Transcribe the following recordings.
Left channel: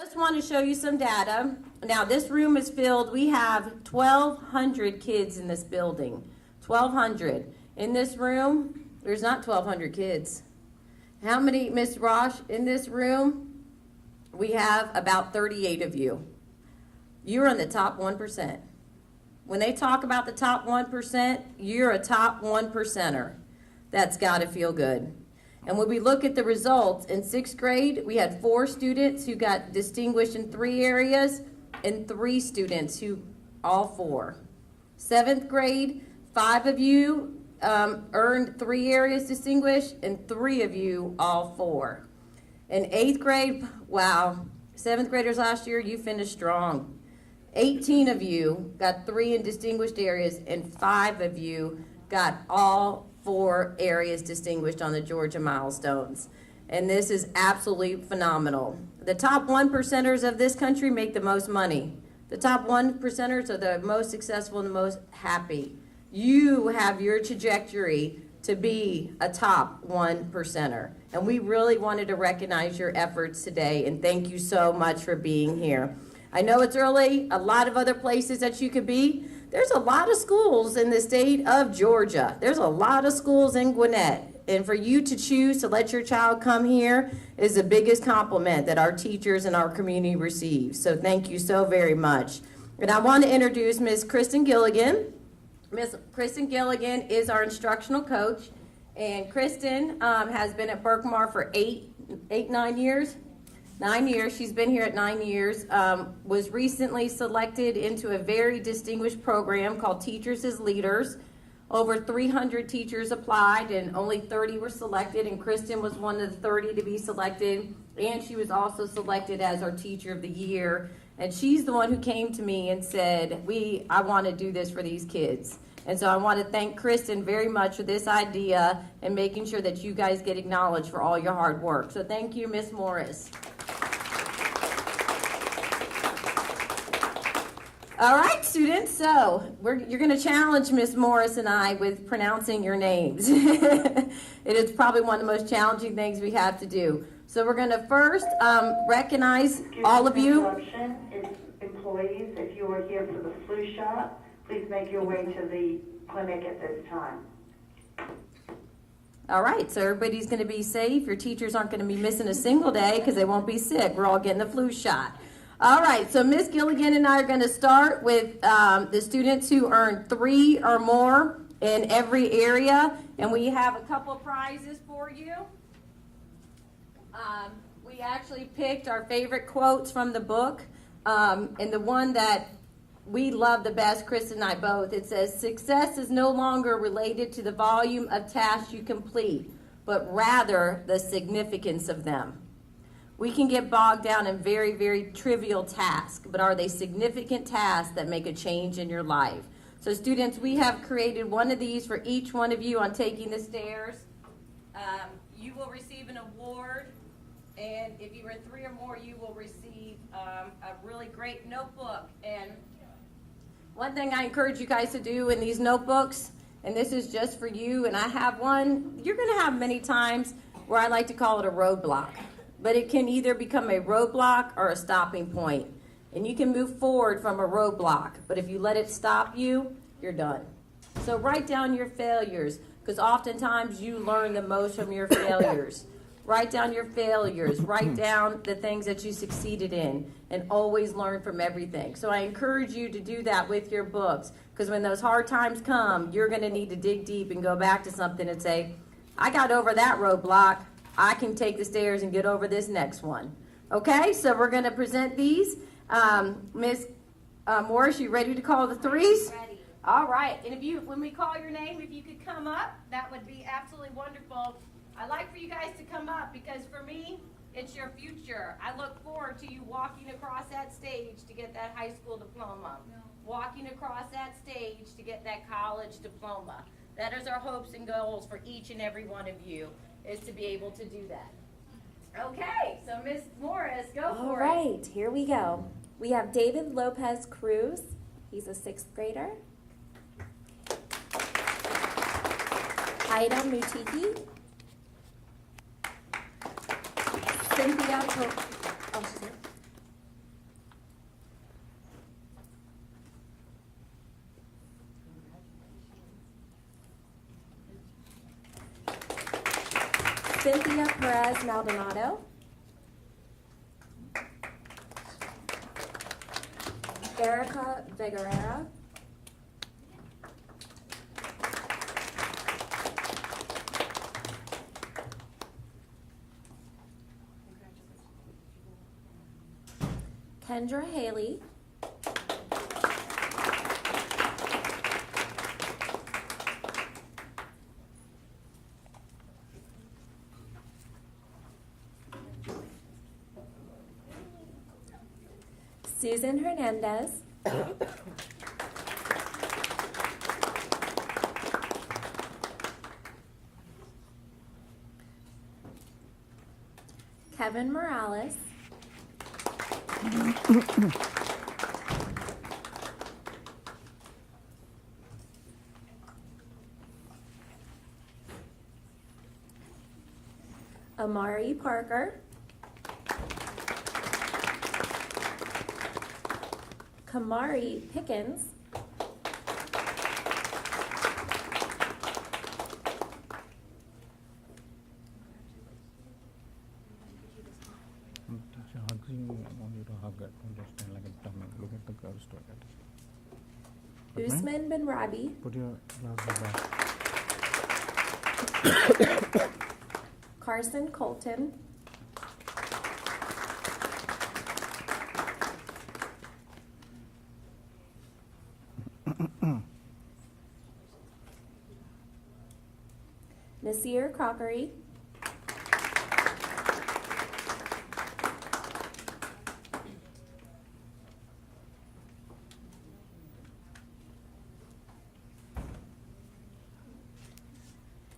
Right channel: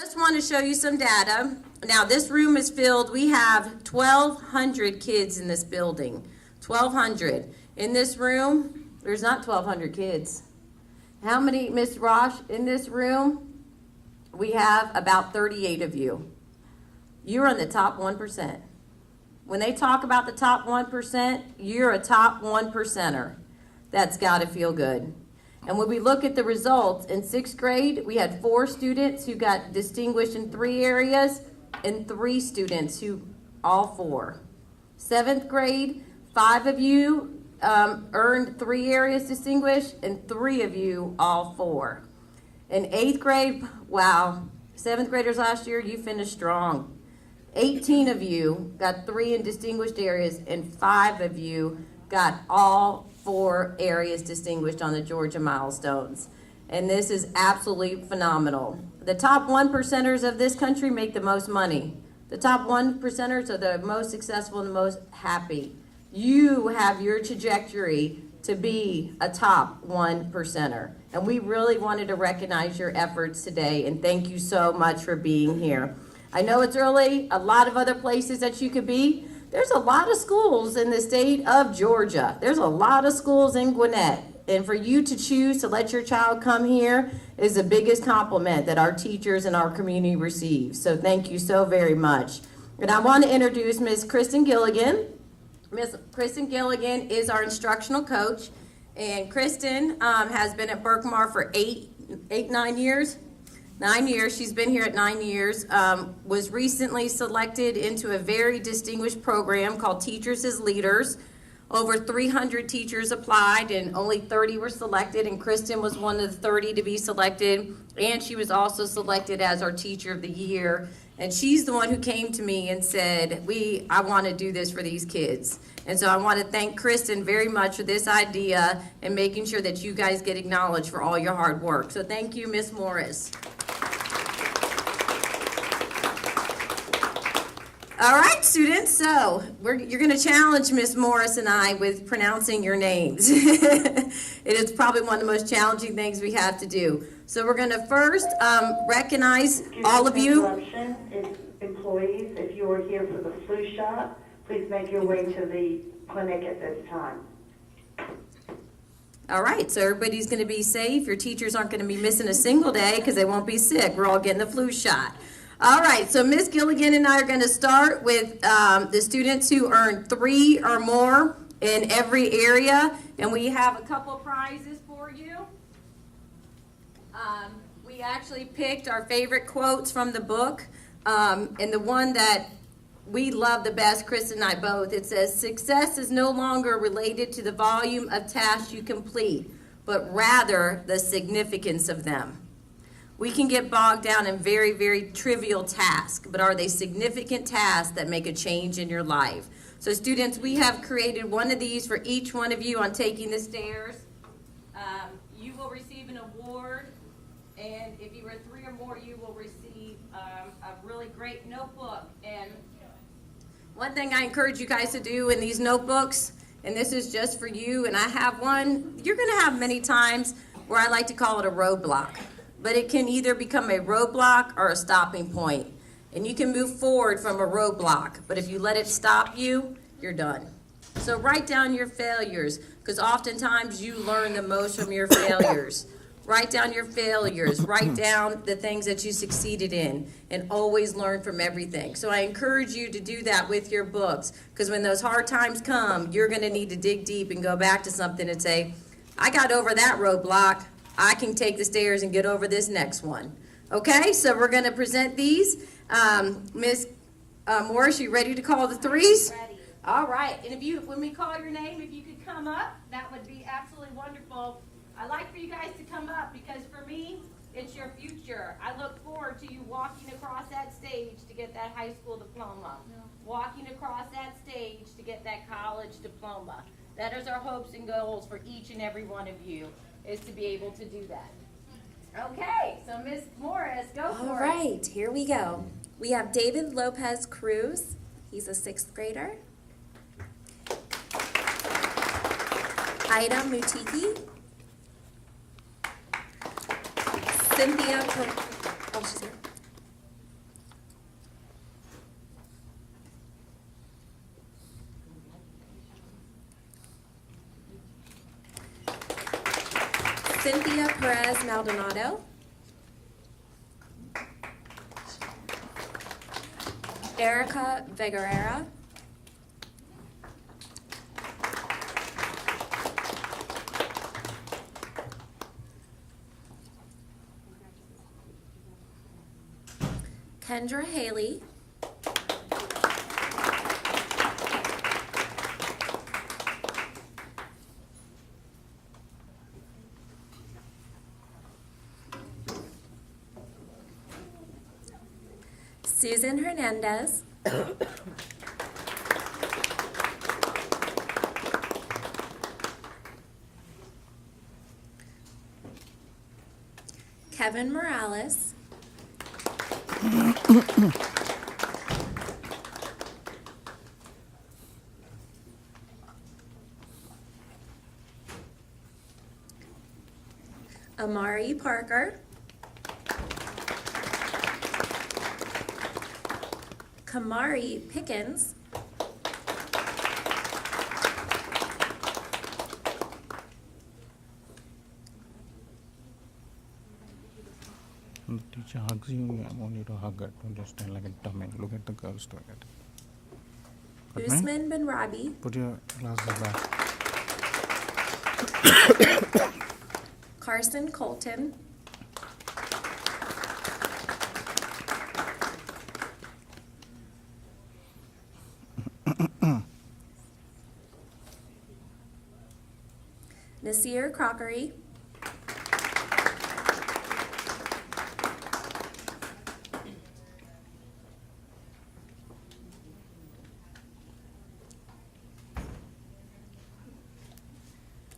Just want to show you some data. Now this room is filled, we have 1,200 kids in this building. 1,200. In this room, there's not 1,200 kids. How many, Miss Rosh, in this room? We have about 38 of you. You're in the top 1%. When they talk about the top 1%, you're a top 1%er. That's got to feel good. And when we look at the results, in 6th grade, we had 4 students who got distinguished in 3 areas and 3 students who, all 4. 7th grade, 5 of you earned 3 areas distinguished and 3 of you, all 4. In 8th grade, wow, 7th graders last year, you finished strong. 18 of you got 3 in distinguished areas and 5 of you got all 4 areas distinguished on the Georgia Milestones. And this is absolutely phenomenal. The top 1%ers of this country make the most money. The top 1%ers are the most successful and the most happy. You have your trajectory to be a top 1%er. And we really wanted to recognize your efforts today, and thank you so much for being here. I know it's early, a lot of other places that you could be. There's a lot of schools in the state of Georgia. There's a lot of schools in Gwinnett. And for you to choose to let your child come here is the biggest compliment that our teachers and our community receive. So thank you so very much. And I want to introduce Ms. Kristen Gilligan. Ms. Kristen Gilligan is our instructional coach. And Kristen has been at Berkmar for 9 years. 9 years. She's been here at 9 years. Was recently selected into a very distinguished program called Teachers as Leaders. Over 300 teachers applied and only 30 were selected, and Kristen was one of the 30 to be selected, and she was also selected as our Teacher of the Year. And she's the one who came to me and said, I want to do this for these kids. And so I want to thank Kristen very much for this idea and making sure that you guys get acknowledged for all your hard work. So thank you, Ms. Morris. All right, students, so you're going to challenge Ms. Morris and I with pronouncing your names. It is probably one of the most challenging things we have to do. So we're going to first recognize all of you. Employees, if you are here for the flu shot, please make your way to the clinic at this time. All right, so everybody's going to be safe. Your teachers aren't going to be missing a single day because they won't be sick. We're all getting the flu shot. All right, so Ms. Gilligan and I are going to start with the students who earned 3 or more in every area, and we have a couple prizes for you. We actually picked our favorite quotes from the book, and the one that we love the best, Chris and I both, it says, "Success is no longer related to the volume of tasks you complete, but rather the significance of them." We can get bogged down in very, very trivial tasks, but are they significant tasks that make a change in your life? So students, we have created one of these for each one of you on taking the stairs. You will receive an award, and if you were 3 or more, you will receive a really great notebook. And one thing I encourage you guys to do in these notebooks, and this is just for you, and I have one, you're going to have many times where I like to call it a roadblock. But it can either become a roadblock or a stopping point. And you can move forward from a roadblock, but if you let it stop you, you're done. So write down your failures, because oftentimes you learn the most from your failures. Write down your failures, write down the things that you succeeded in, and always learn from everything. So I encourage you to do that with your books, because when those hard times come, you're going to need to dig deep and go back to something and say, I got over that roadblock. I can take the stairs and get over this next one. Okay, so we're going to present these. Ms. Morris, you ready to call the 3s? Ready. All right, and when we call your name, if you could come up, that would be absolutely wonderful. I'd like for you guys to come up because for me, it's your future. I look forward to you walking across that stage to get that high school diploma, walking across that stage to get that college diploma. That is our hopes and goals for each and every one of you, is to be able to do that. Okay, so Ms. Morris, go for it. All right, here we go. We have David Lopez Cruz. He's a 6th grader. Ida Mutiki. Cynthia, she's here. Cynthia Perez Maldonado. Erica Vigorera. Kendra Haley. Susan Hernandez. Kevin Morales. Amari Parker. Kamari Pickens. When the teacher hugs you, I want you to hug her. Don't just stand like a dumb and look at the girls toilet. But man, Usman Ben Rabi. put your glasses back. Carson Colton. Nasir Crockery.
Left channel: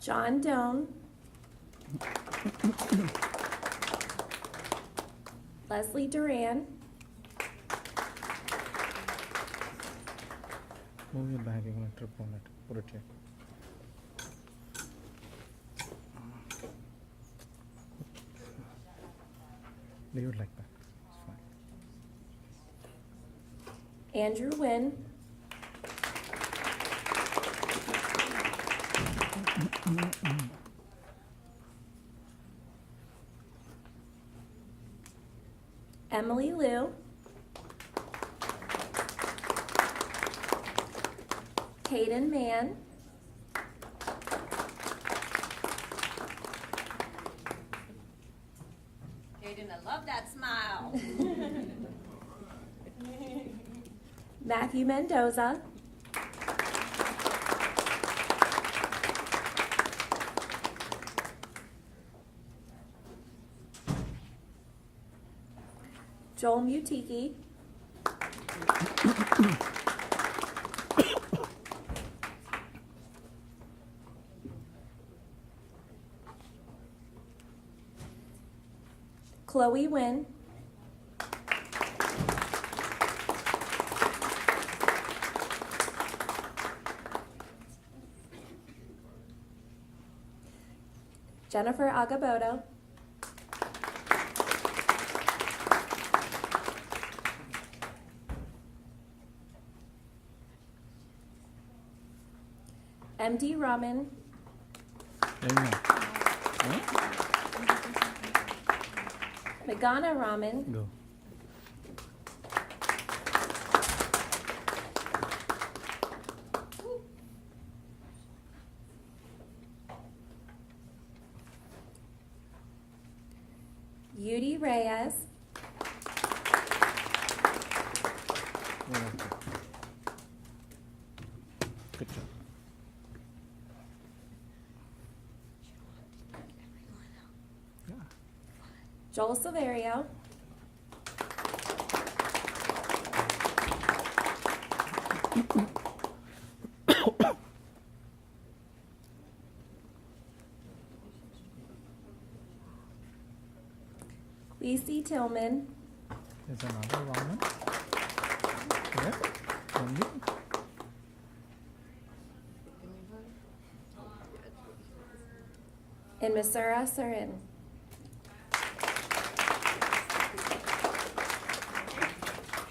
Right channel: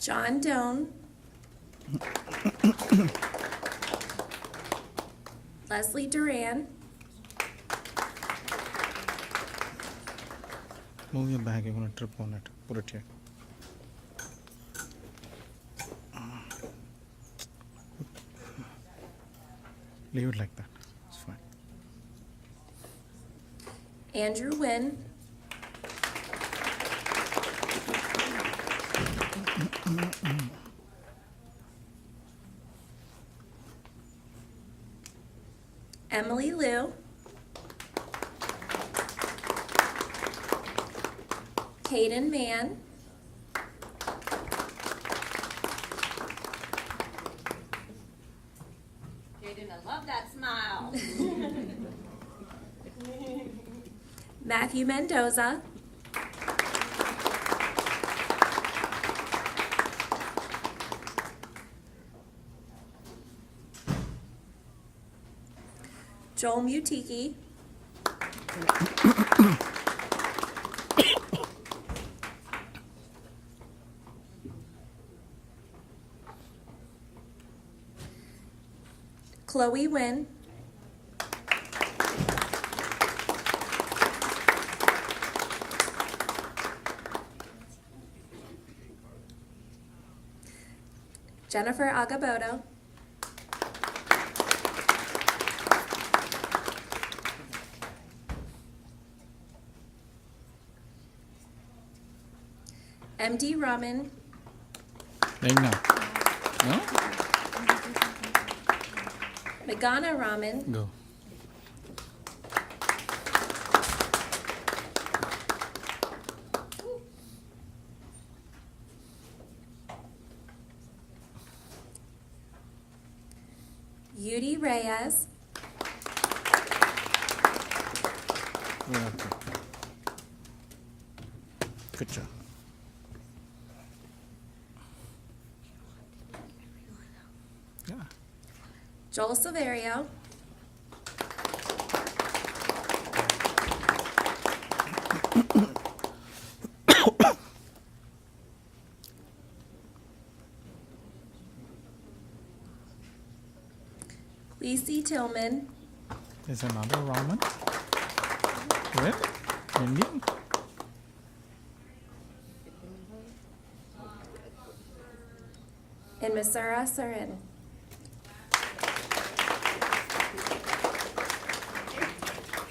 John Doan. Leslie Duran. Move your bag, you're gonna trip on it. Put it here. Leave it like that. It's fine. Andrew Wynn. Emily Liu. Caden Mann. Jaden, I love that smile. Matthew Mendoza. Joel Mutiki. Chloe Wynn. Jennifer Agaboto. MD Raman. Meghna. Huh? Meghna Raman. Go. Yudi Reyes. Go up there. Good job. Yeah. Joel Silverio. Lacey Tillman. There's another ramen. Where? Indian? And Masura Sarin.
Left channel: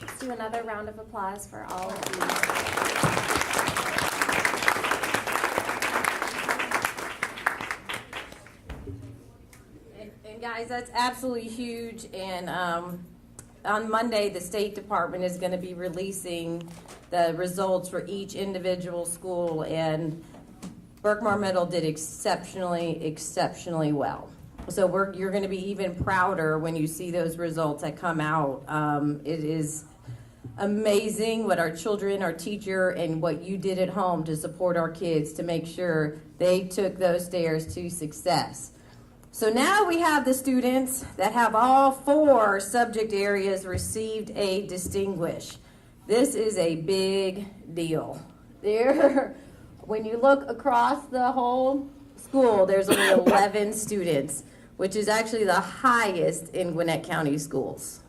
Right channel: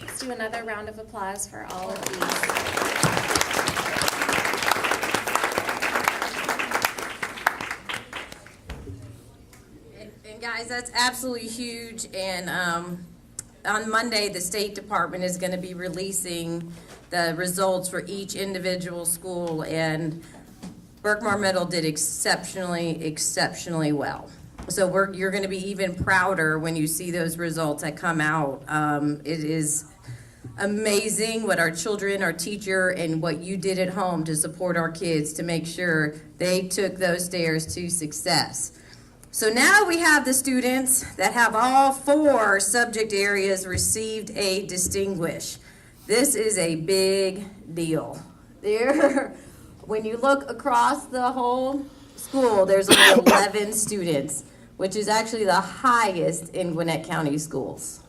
Let's do another round of applause for all of these. Guys, that's absolutely huge, and on Monday, the State Department is going to be releasing the results for each individual school, and Berkmar Middle did exceptionally well. So you're going to be even prouder when you see those results that come out. It is amazing what our children, our teacher, and what you did at home to support our kids to make sure they took those stairs to success. So now we have the students that have all 4 subject areas received a distinguish. This is a big deal. When you look across the whole school, there's only 11 students, which is actually the highest in Gwinnett County schools.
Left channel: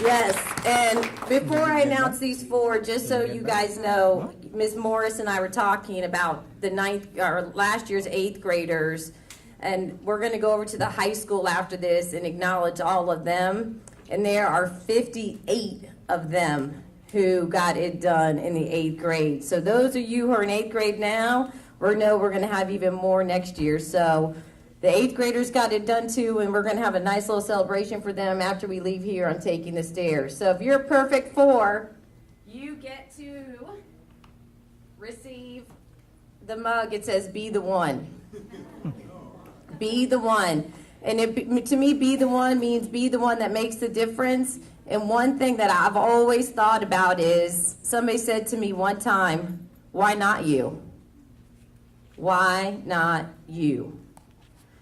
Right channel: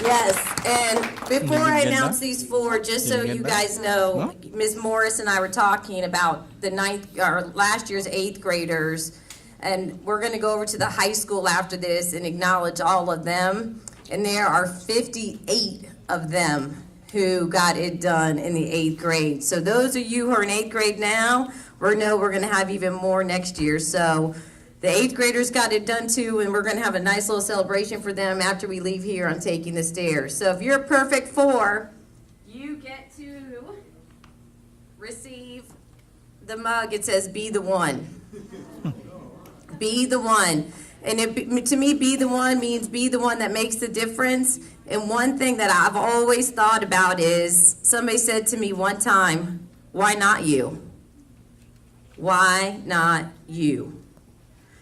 Yes, and before I announce these 4, just so you guys know, Ms. Morris and I were talking about last year's 8th graders, and we're going to go over to the high school after this and acknowledge all of them. And there are 58 of them who got it done in the 8th grade. So those of you who are in 8th grade now, we're going to have even more next year. So the 8th graders got it done too, and we're going to have a nice little celebration for them after we leave here on taking the stairs. So if you're a perfect 4, you get to receive the mug. It says, "Be the one." Be the one. And to me, be the one means be the one that makes the difference. And one thing that I've always thought about is, somebody said to me one time, "Why not you? Why not you?"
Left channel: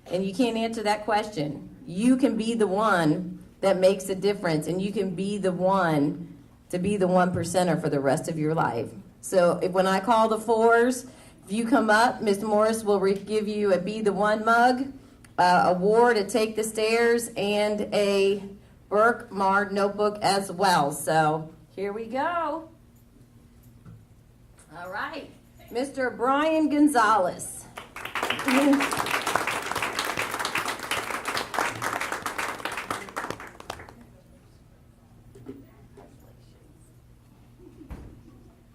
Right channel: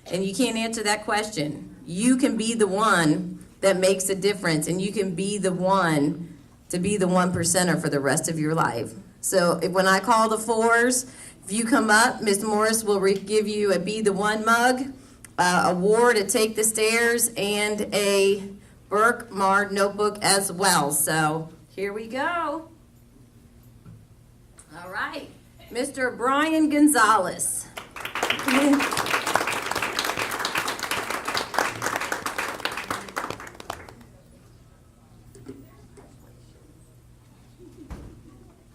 And you can't answer that question. You can be the one that makes a difference, and you can be the one to be the 1%er for the rest of your life. So when I call the 4s, if you come up, Ms. Morris will give you a Be the One mug, award to take the stairs, and a Berkmar notebook as well. So here we go. All right, Mr. Brian Gonzalez.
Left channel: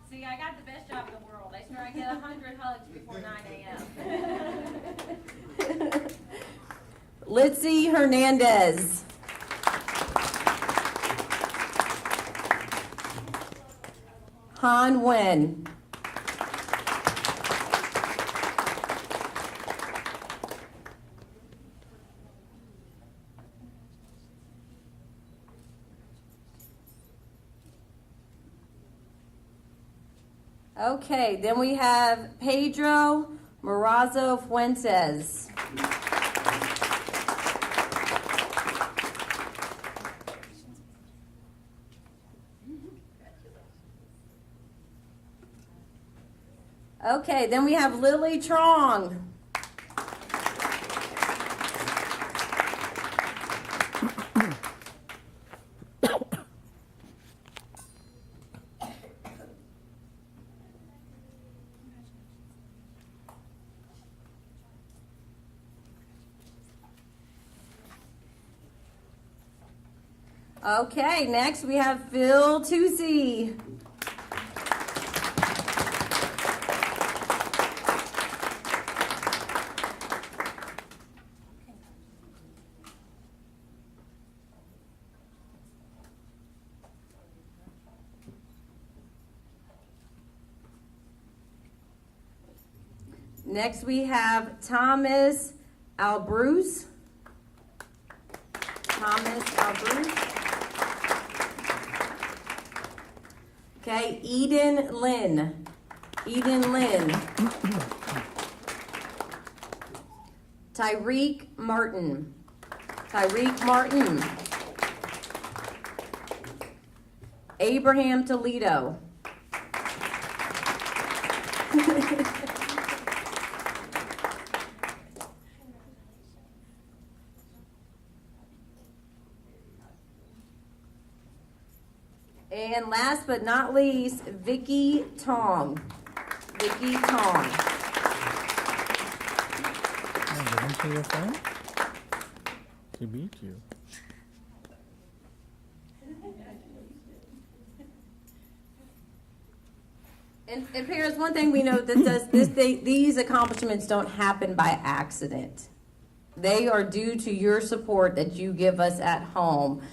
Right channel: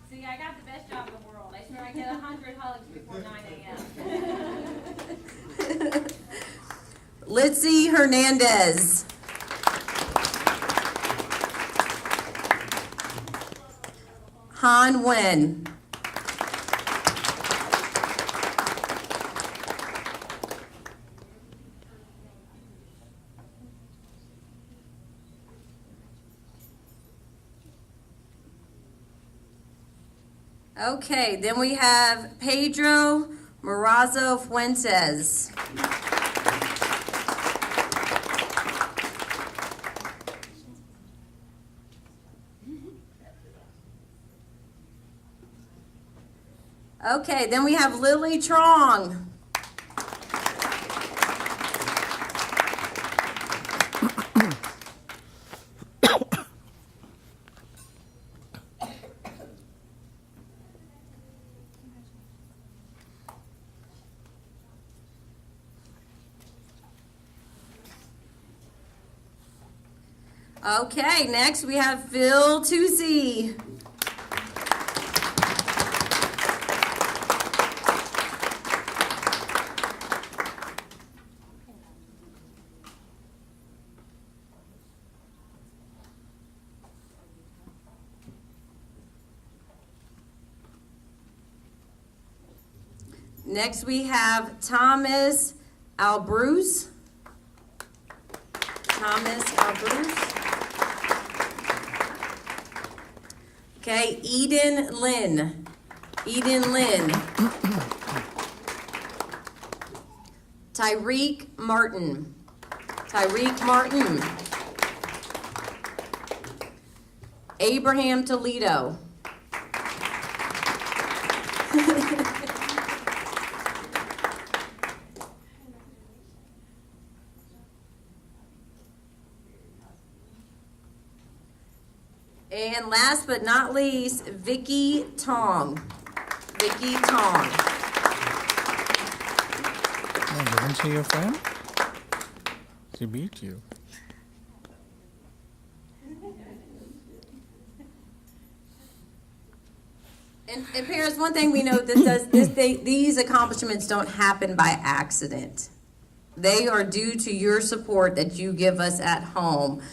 See, I got the best job in the world. I swear I get 100 hugs before 9 a.m. Litzy Hernandez. Han Wen. Okay, then we have Pedro Morazo Fuentes. Okay, then we have Lily Trong. Okay, next we have Phil Tucci. Next we have Thomas Albruce. Thomas Albruce. Okay, Eden Lynn. Eden Lynn. Tyreek Martin. Tyreek Martin. Abraham Toledo. And last but not least, Vicky Tong. Vicky Tong. Oh, didn't see your friend? She beat you. And parents, one thing we know these accomplishments don't happen by accident. They are due to your support that you give us at home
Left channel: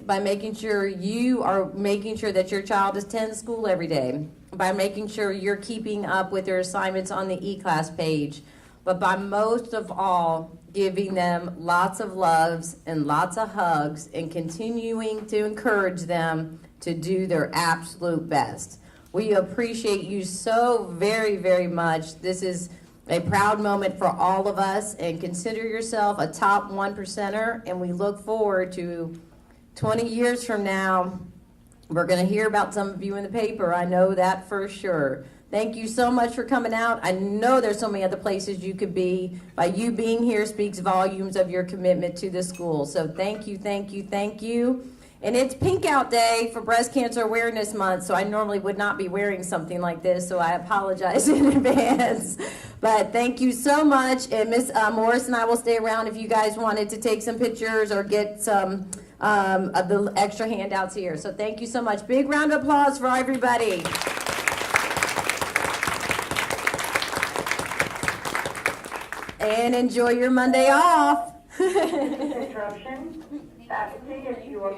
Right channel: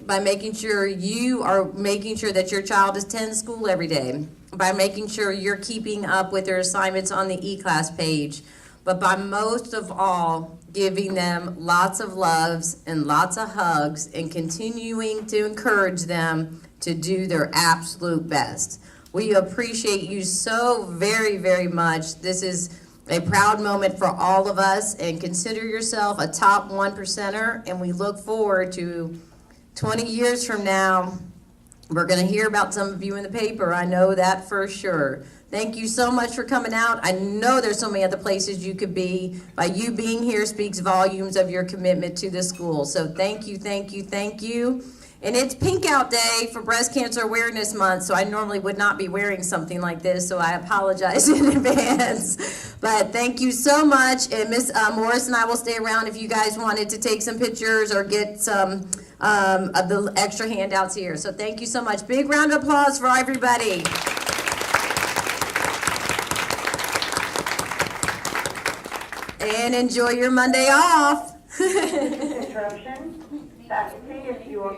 by making sure you are making sure that your child attends school every day, by making sure you're keeping up with their assignments on the e-class page, but by most of all, giving them lots of loves and lots of hugs and continuing to encourage them to do their absolute best. We appreciate you so very, very much. This is a proud moment for all of us, and consider yourself a top 1%er, and we look forward to 20 years from now. We're going to hear about some of you in the paper. I know that for sure. Thank you so much for coming out. I know there's so many other places you could be. By you being here speaks volumes of your commitment to the school. So thank you, thank you, thank you. And it's Pink Out Day for Breast Cancer Awareness Month, so I normally would not be wearing something like this, so I apologize in advance. But thank you so much, and Miss Morris and I will stay around if you guys wanted to take some pictures or get some of the extra handouts here. So thank you so much. Big round of applause for everybody. And enjoy your Monday off. Interruption. See if you are